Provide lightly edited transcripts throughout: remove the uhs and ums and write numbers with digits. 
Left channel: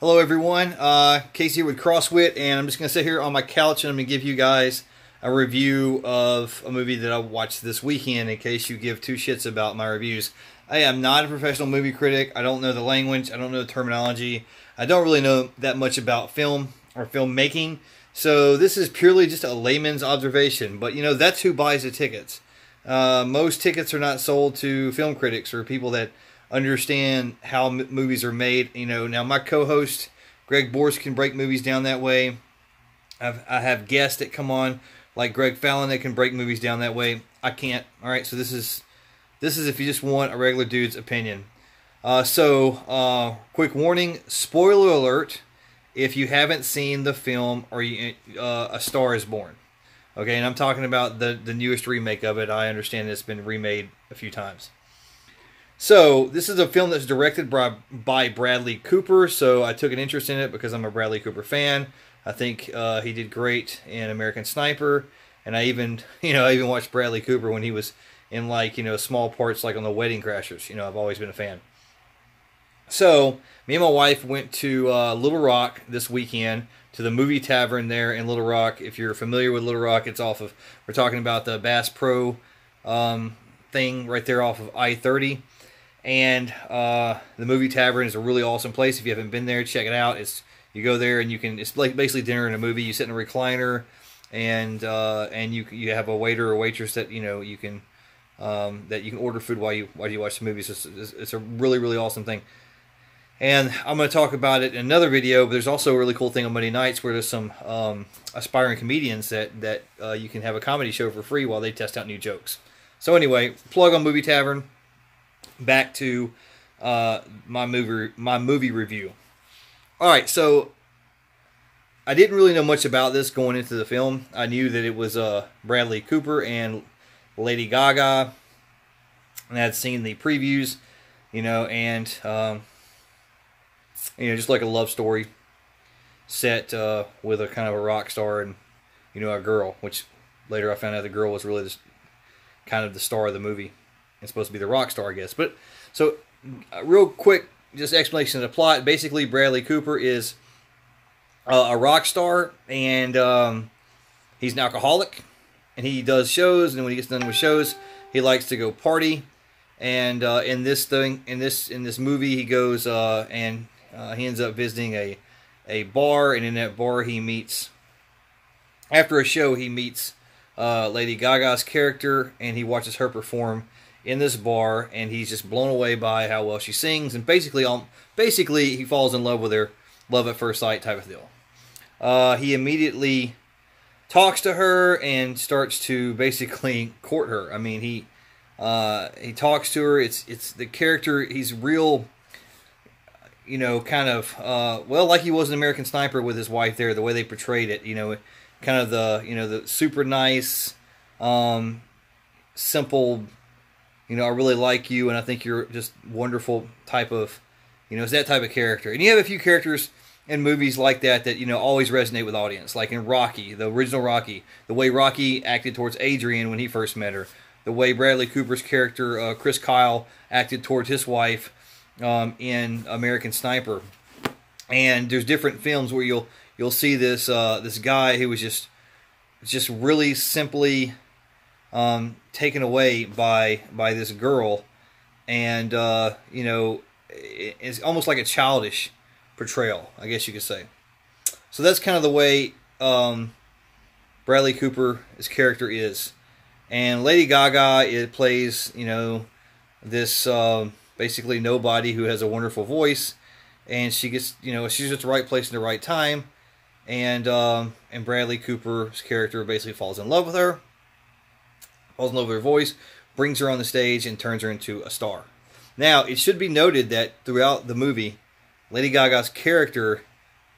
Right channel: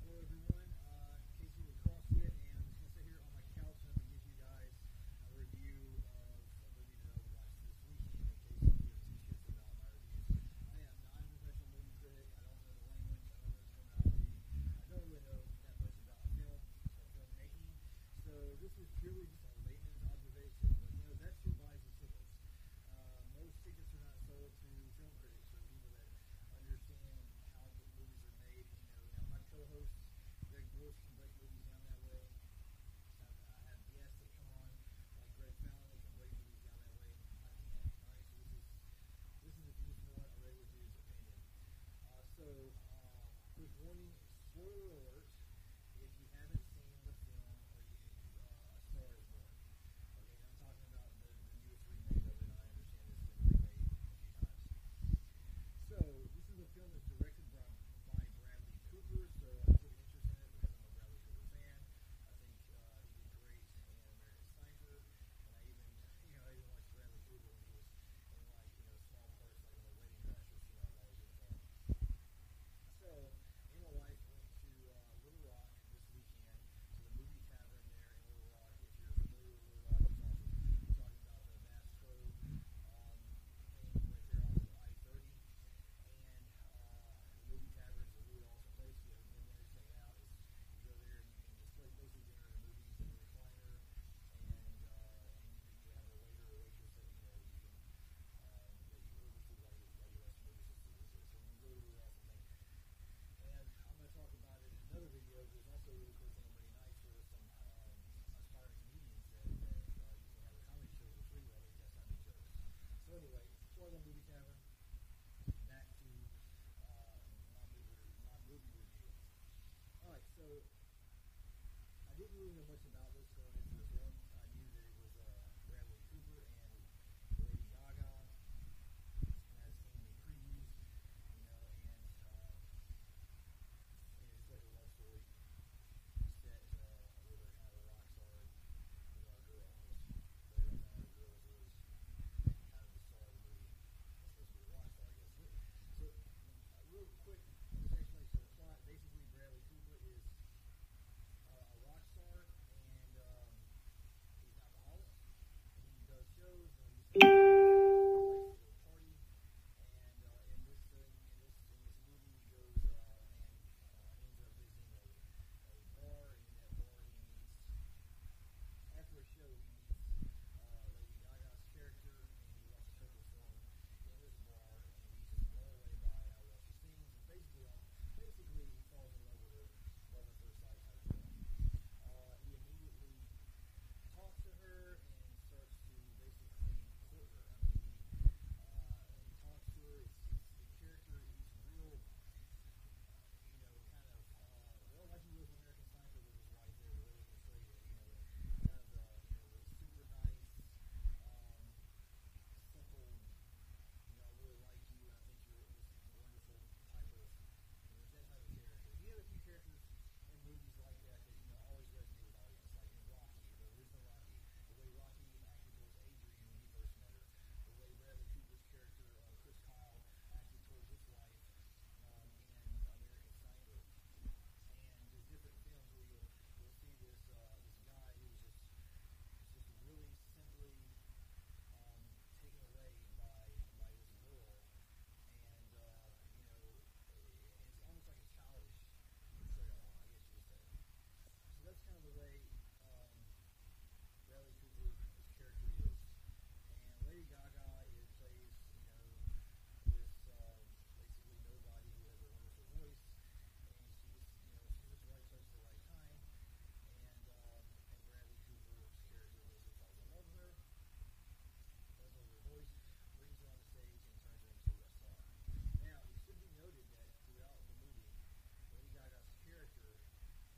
Hello everyone, Casey here with CrossWit, and I'm just going to sit here on my couch and I'm going to give you guys a review of a movie that I watched this weekend in case you give two shits about my reviews. I am not a professional movie critic. I don't know the language. I don't know the terminology. I don't really know that much about film or filmmaking. So this is purely just a layman's observation. But you know, that's who buys the tickets. Most tickets are not sold to film critics or people that understand how movies are made. You know, now my co-host Greg Borst can break movies down that way. I have guests that come on like Greg Fallon that can break movies down that way. I can't. All right, so this is if you just want a regular dude's opinion. Quick warning: spoiler alert if you haven't seen the film or A Star Is Born. Okay, and I'm talking about the newest remake of it. I understand it's been remade a few times. So, this is a film that's directed by Bradley Cooper, so I took an interest in it because I'm a Bradley Cooper fan. I think he did great in American Sniper, and I even watched Bradley Cooper when he was in small parts like on The Wedding Crashers. You know, I've always been a fan. So, me and my wife went to Little Rock this weekend to the movie tavern there in Little Rock. If you're familiar with Little Rock, it's off of, we're talking about the Bass Pro thing right there off of I-30. And the movie tavern is a really awesome place. If you haven't been there, check it out. You go there and it's like basically dinner in a movie. You sit in a recliner, and you have a waiter or waitress that you can order food while you watch the movies. It's a really, really awesome thing. And I'm going to talk about it in another video. But there's also a really cool thing on Monday nights where there's some aspiring comedians that you can have a comedy show for free while they test out new jokes. So anyway, plug on Movie Tavern. Back to my movie review. All right, so I didn't really know much about this going into the film. I knew that it was Bradley Cooper and Lady Gaga, and I had seen the previews, and just like a love story set with a kind of a rock star and a girl, which later I found out the girl was really just kind of the star of the movie. It's supposed to be the rock star, I guess. But so, real quick, just explanation of the plot. Basically, Bradley Cooper is a rock star, and he's an alcoholic, and he does shows. And when he gets done with shows, he likes to go party. And in this movie, he goes and he ends up visiting a bar, and in that bar, he meets. After a show, he meets Lady Gaga's character, and he watches her perform in this bar, and he's just blown away by how well she sings, and basically he falls in love with her, love at first sight type of deal. He immediately talks to her and starts to basically court her. I mean, he talks to her. It's the character. He's real, kind of like he was in American Sniper with his wife there. The way they portrayed it, kind of the super nice, simple. I really like you, and I think you're just wonderful type of, it's that type of character. And you have a few characters in movies like that always resonate with audience. Like in Rocky, the original Rocky, the way Rocky acted towards Adrian when he first met her, the way Bradley Cooper's character, Chris Kyle, acted towards his wife in American Sniper. And there's different films where you'll see this this guy who was just really simply taken away by this girl, and it's almost like a childish portrayal, I guess you could say. So that's kind of the way Bradley Cooper's character is. And Lady Gaga plays this basically nobody who has a wonderful voice, and she gets she's at the right place in the right time, and Bradley Cooper's character basically falls in love with her. Falls in love with her voice, brings her on the stage, and turns her into a star. Now, it should be noted that throughout the movie, Lady Gaga's character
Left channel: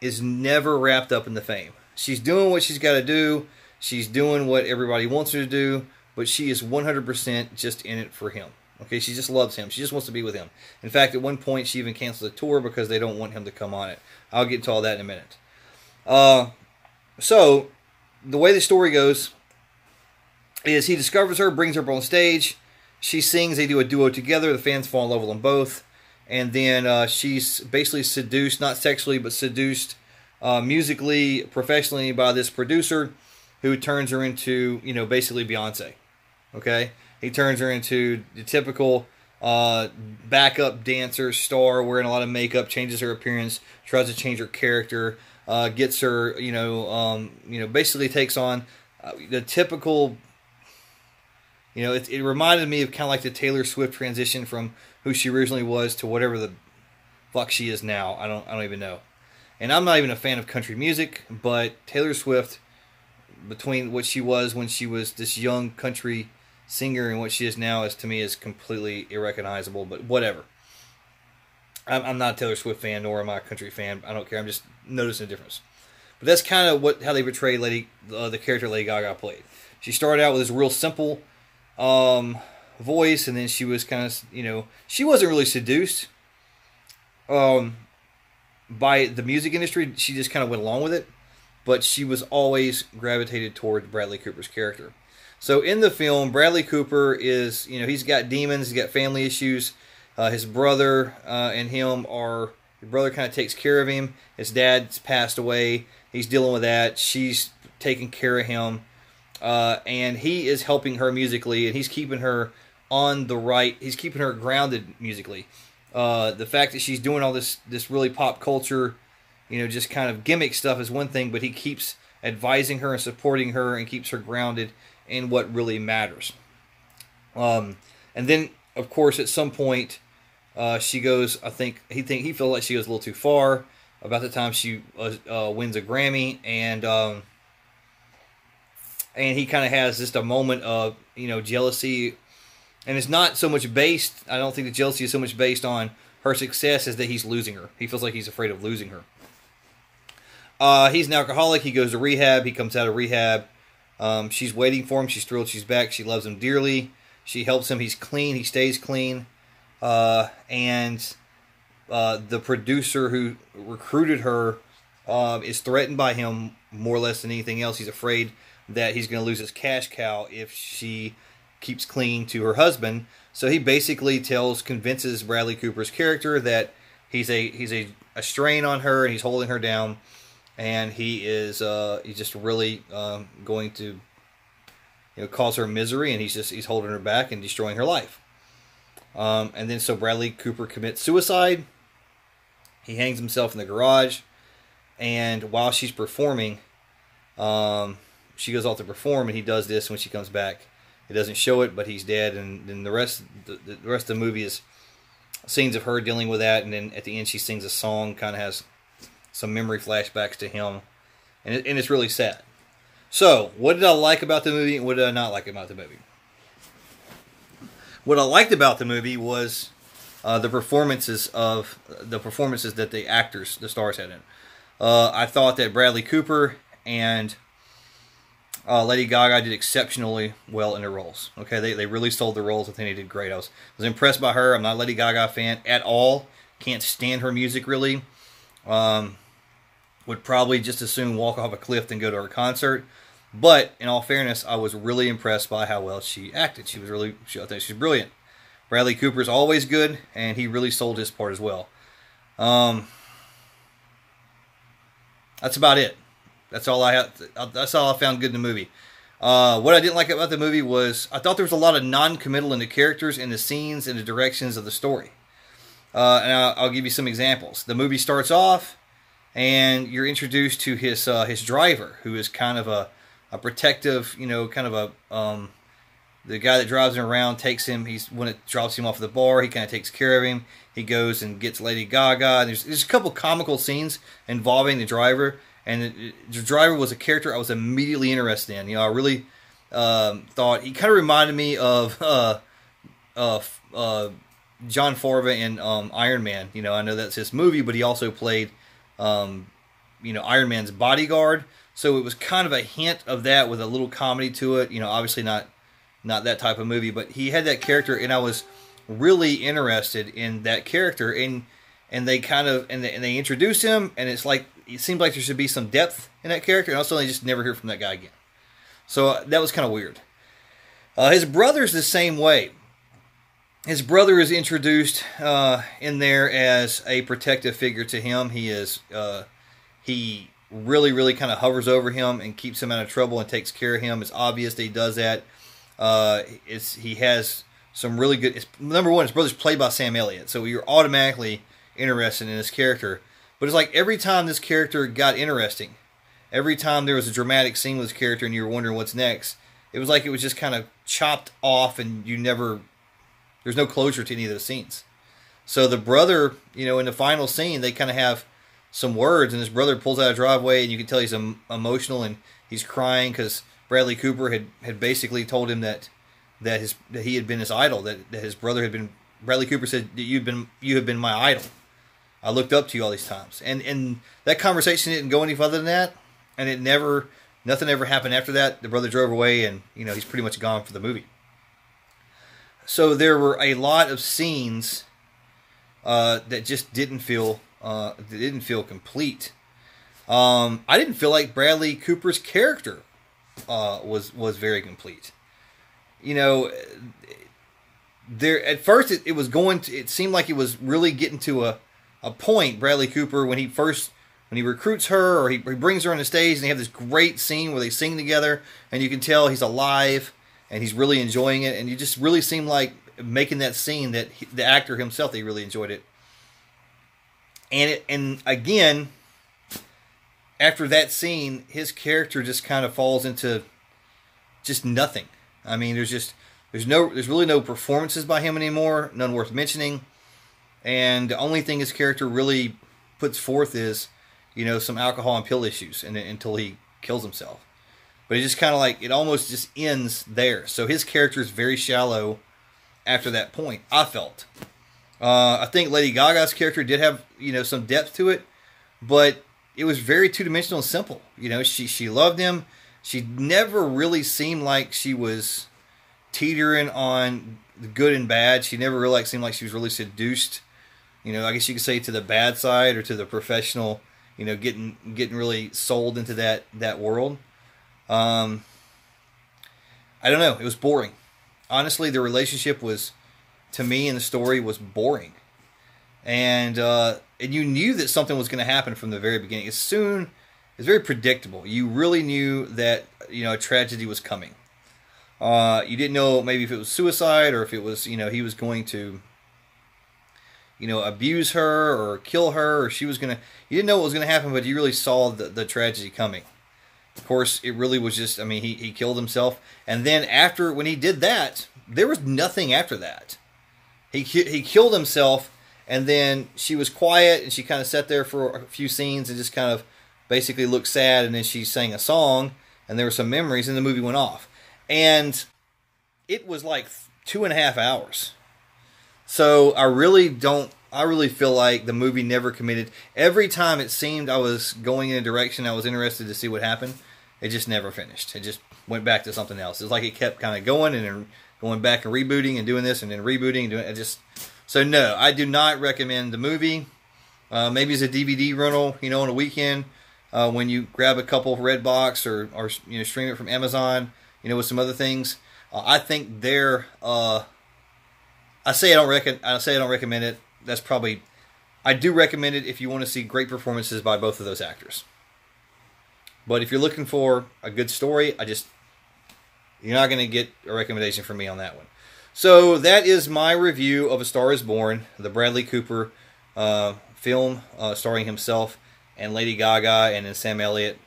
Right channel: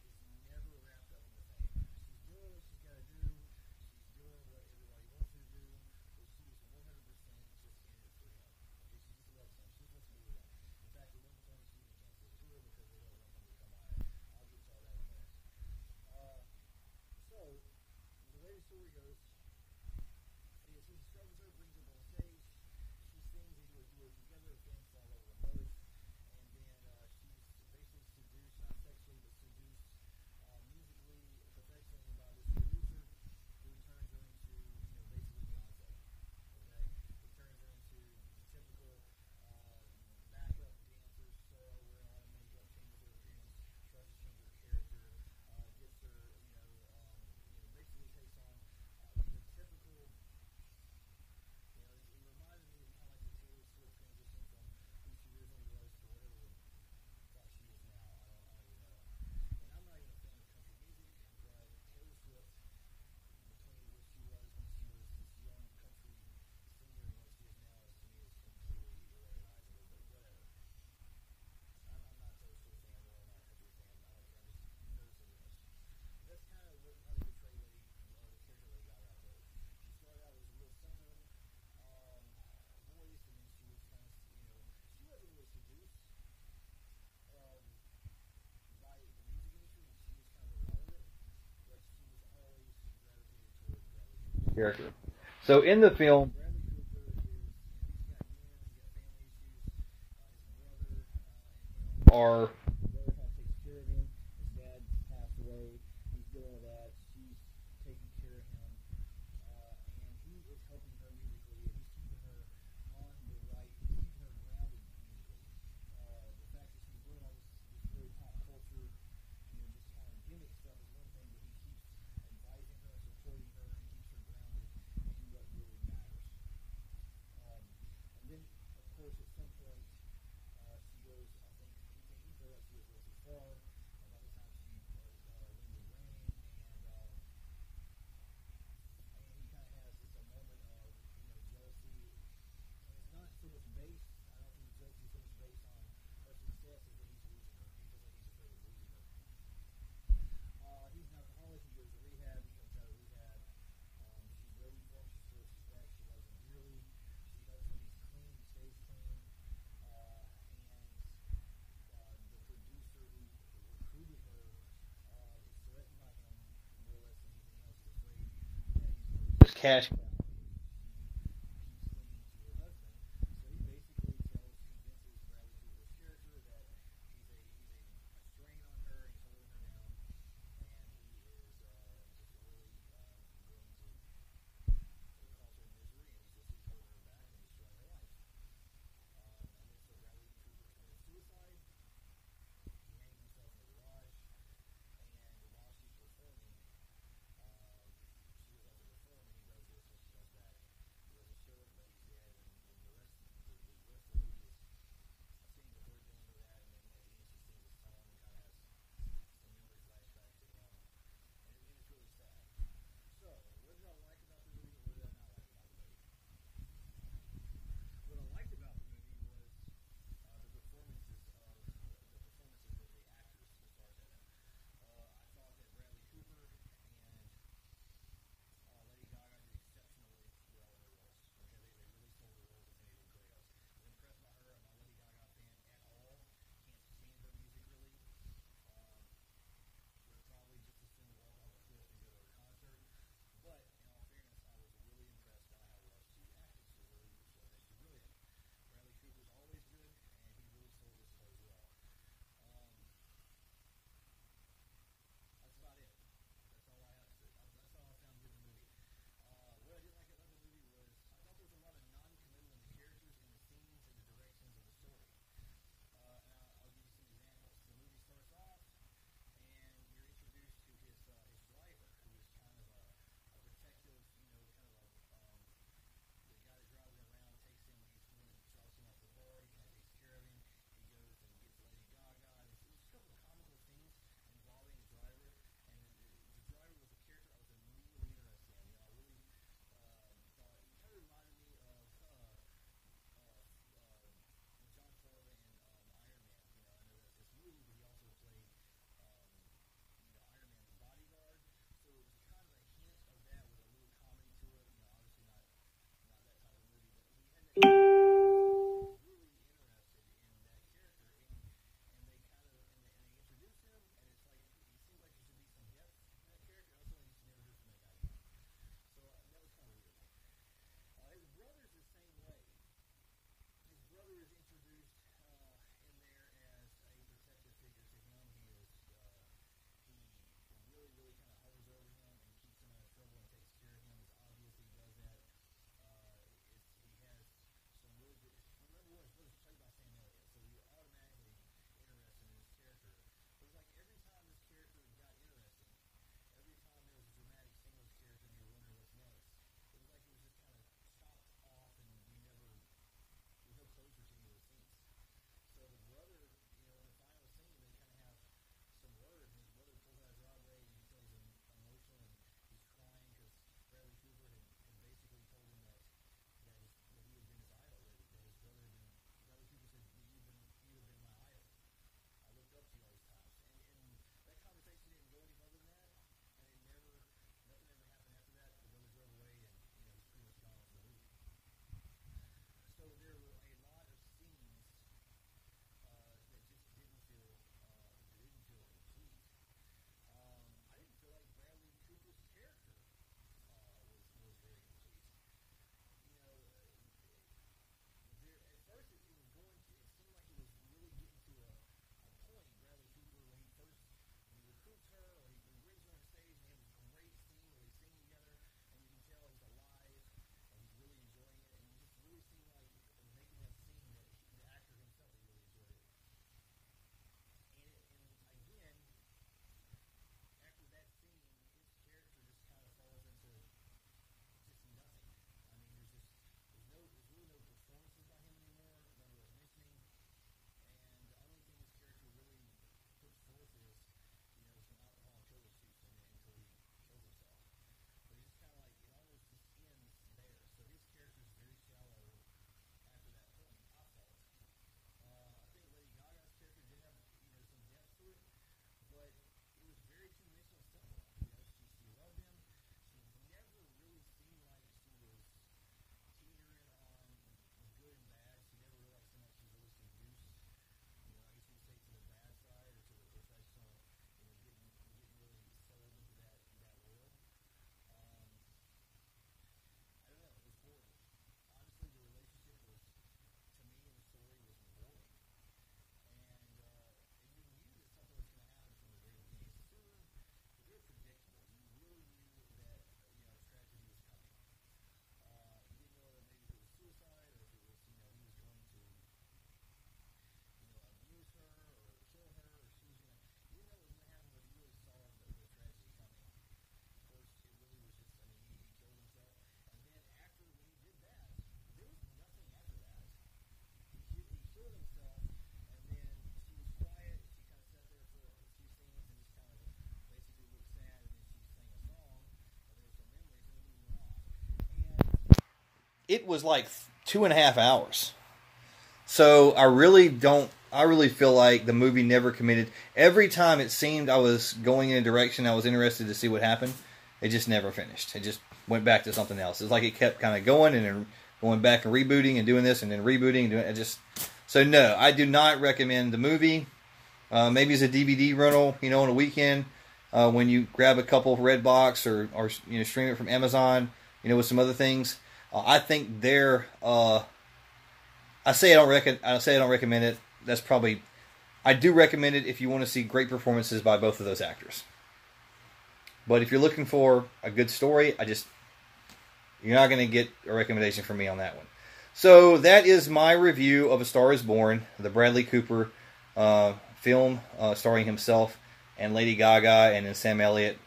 is never wrapped up in the fame. She's doing what she's got to do. She's doing what everybody wants her to do, but she is 100% just in it for him. Okay, she just loves him. She just wants to be with him. In fact, at one point, she even canceled the tour because they don't want him to come on it. I'll get to all that in a minute. So, the way the story goes is he discovers her, brings her up on stage. She sings. They do a duo together. The fans fall in love with them both. and then she's basically seduced, not sexually, but seduced musically, professionally by this producer, who turns her into, basically Beyonce. Okay, he turns her into the typical backup dancer star, wearing a lot of makeup, changes her appearance, tries to change her character, gets her, basically takes on the typical. It reminded me of kind of like the Taylor Swift transition from who she originally was to whatever the fuck she is now. I don't even know. And I'm not even a fan of country music, but Taylor Swift, between what she was when she was this young country singer and what she is now, is to me is completely irrecognizable. But whatever. I'm not a Taylor Swift fan, nor am I a country fan. I don't care. I'm just noticing a difference. But that's kind of how they portrayed the character Lady Gaga played. She started out with this real simple voice, and then she was kind of, she wasn't really seduced by the music industry. She just kind of went along with it, but she was always gravitated toward Bradley Cooper's character. So in the film, Bradley Cooper is, he's got demons, he's got family issues. His brother and him his brother kind of takes care of him. His dad's passed away. He's dealing with that. She's taking care of him. And he is helping her musically, and he's keeping her he's keeping her grounded musically. The fact that she's doing all this really pop culture, just kind of gimmick stuff is one thing, but he keeps advising her and supporting her and keeps her grounded in what really matters. And then, of course, at some point, she goes, he feels like she goes a little too far. About the time she wins a Grammy, and he kind of has just a moment of, jealousy. And it's not so much based, I don't think the jealousy is so much based on her success as that he's losing her. He feels like he's afraid of losing her. He's an alcoholic. He goes to rehab. He comes out of rehab. She's waiting for him. She's thrilled she's back. She loves him dearly. She helps him. He's clean. He stays clean. And the producer who recruited her is threatened by him more or less than anything else. He's afraid that he's going to lose his cash cow if she keeps clinging to her husband. So he basically convinces Bradley Cooper's character that he's a strain on her, and he's holding her down, and he's just really going to cause her misery, and he's holding her back and destroying her life. And then so Bradley Cooper commits suicide. He hangs himself in the garage, and while she's performing, she goes off to perform, and he does this when she comes back. It doesn't show it, but he's dead, and then the rest of the movie is scenes of her dealing with that, and then at the end she sings a song, kind of has some memory flashbacks to him, and it's really sad. So, what did I like about the movie, and what did I not like about the movie? What I liked about the movie was the performances that the stars had in. I thought that Bradley Cooper and Lady Gaga did exceptionally well in their roles. Okay, they really sold the roles. I think they did great. I was impressed by her. I'm not a Lady Gaga fan at all. Can't stand her music really. Would probably just as soon walk off a cliff than go to her concert. But in all fairness, I was really impressed by how well she acted. I think she's brilliant. Bradley Cooper's always good, and he really sold his part as well. That's about it. That's all I found good in the movie. What I didn't like about the movie was I thought there was a lot of non-committal in the characters and the scenes and the directions of the story. And I'll give you some examples. The movie starts off, and you're introduced to his driver, who is kind of a protective, kind of the guy that drives him around, when it drops him off at the bar, he kind of takes care of him. He goes and gets Lady Gaga. There's a couple comical scenes involving the driver. And the driver was a character I was immediately interested in. I really thought he kind of reminded me of John Farva in Iron Man. I know that's his movie, but he also played Iron Man's bodyguard. So it was kind of a hint of that with a little comedy to it. Obviously not that type of movie, but he had that character, and I was really interested in that character. And they they introduce him, and it's like, it seemed like there should be some depth in that character, and also they just never hear from that guy again. So that was kind of weird. His brother's the same way. His brother is introduced in there as a protective figure to him. He really, really kind of hovers over him and keeps him out of trouble and takes care of him. It's obvious that he does that. He has some really good. Number one, his brother's played by Sam Elliott, so you're automatically interested in this character. But it's like every time this character got interesting, every time there was a dramatic scene with this character and you were wondering what's next, it was like it was just kind of chopped off and there's no closure to any of those scenes. So the brother, in the final scene, they kind of have some words, and his brother pulls out a driveway, and you can tell he's emotional and he's crying because Bradley Cooper had basically told him that he had been his idol, that his brother had been. Bradley Cooper said that you have been my idol. I looked up to you all these times, and that conversation didn't go any further than that, and nothing ever happened after that. The brother drove away, and he's pretty much gone for the movie. So there were a lot of scenes that just didn't feel complete. I didn't feel like Bradley Cooper's character was very complete. There at first it seemed like it was really getting to a point. Bradley Cooper when he recruits her or he brings her on the stage and they have this great scene where they sing together and you can tell he's alive and he's really enjoying it, and you just really seem like making that scene that the actor himself, he really enjoyed it. And again, after that scene, his character just kind of falls into just nothing. I mean, there's really no performances by him anymore, none worth mentioning. And the only thing his character really puts forth is, some alcohol and pill issues, and until he kills himself. But it just kind of like it almost just ends there. So his character is very shallow after that point, I felt. I think Lady Gaga's character did have, some depth to it, but it was very two-dimensional and simple. She loved him. She never really seemed like she was teetering on the good and bad. She never really seemed like she was really seduced. I guess you could say to the bad side or to the professional, getting really sold into that world. I don't know. It was boring. Honestly, the relationship was, to me in the story, was boring. And you knew that something was going to happen from the very beginning. It's very predictable. You really knew that, a tragedy was coming. You didn't know maybe if it was suicide or if it was, he was going to, abuse her or kill her, or she was going to, you didn't know what was going to happen, but you really saw the tragedy coming. Of course, it really was just, he killed himself. And then when he did that, there was nothing after that. He killed himself, and then she was quiet, and she kind of sat there for a few scenes and just kind of basically looked sad, and then she sang a song, and there were some memories, and the movie went off. And it was like 2.5 hours. So I really feel like the movie never committed. Every time it seemed I was going in a direction I was interested to see what happened, it just never finished. It just went back to something else. It's like it kept kind of going and then going back and rebooting and doing this and then rebooting and doing it. So no, I do not recommend the movie. Maybe as a DVD rental, on a weekend when you grab a couple Redbox or stream it from Amazon, with some other things. I think I say I don't recommend it. That's probably, I do recommend it if you want to see great performances by both of those actors. But if you're looking for a good story, you're not going to get a recommendation from me on that one. So that is my review of A Star Is Born, the Bradley Cooper film starring himself and Lady Gaga and then Sam Elliott.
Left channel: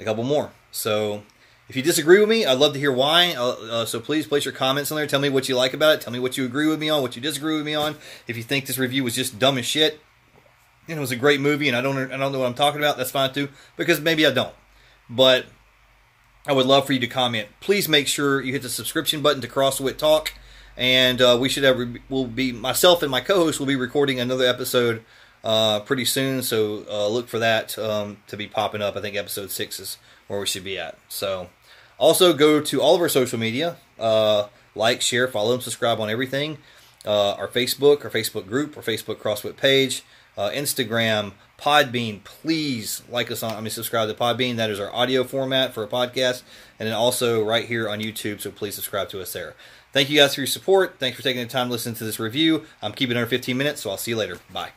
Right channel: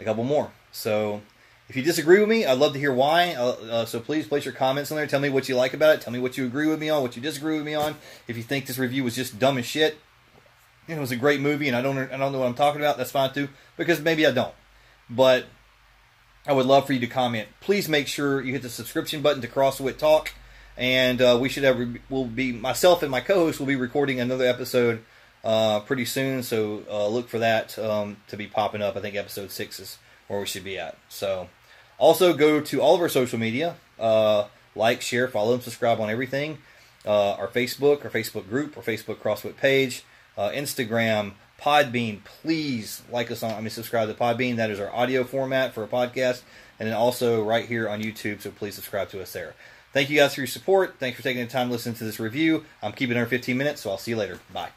A couple more. So if you disagree with me, I'd love to hear why. So please place your comments on there. Tell me what you like about it. Tell me what you agree with me on, what you disagree with me on. If you think this review was just dumb as shit, it was a great movie and I don't know what I'm talking about, that's fine too, because maybe I don't. But I would love for you to comment. Please make sure you hit the subscription button to Crosswit Talk, and myself and my co-host will be recording another episode pretty soon. So look for that to be popping up. I think episode 6 is where we should be at. So also go to all of our social media, like, share, follow, and subscribe on everything. Our Facebook group, our Facebook Crosswit page, Instagram, Podbean. Please subscribe to Podbean. That is our audio format for a podcast. And then also right here on YouTube, so please subscribe to us there. Thank you guys for your support. Thanks for taking the time to listen to this review. I'm keeping it under 15 minutes, so I'll see you later. Bye.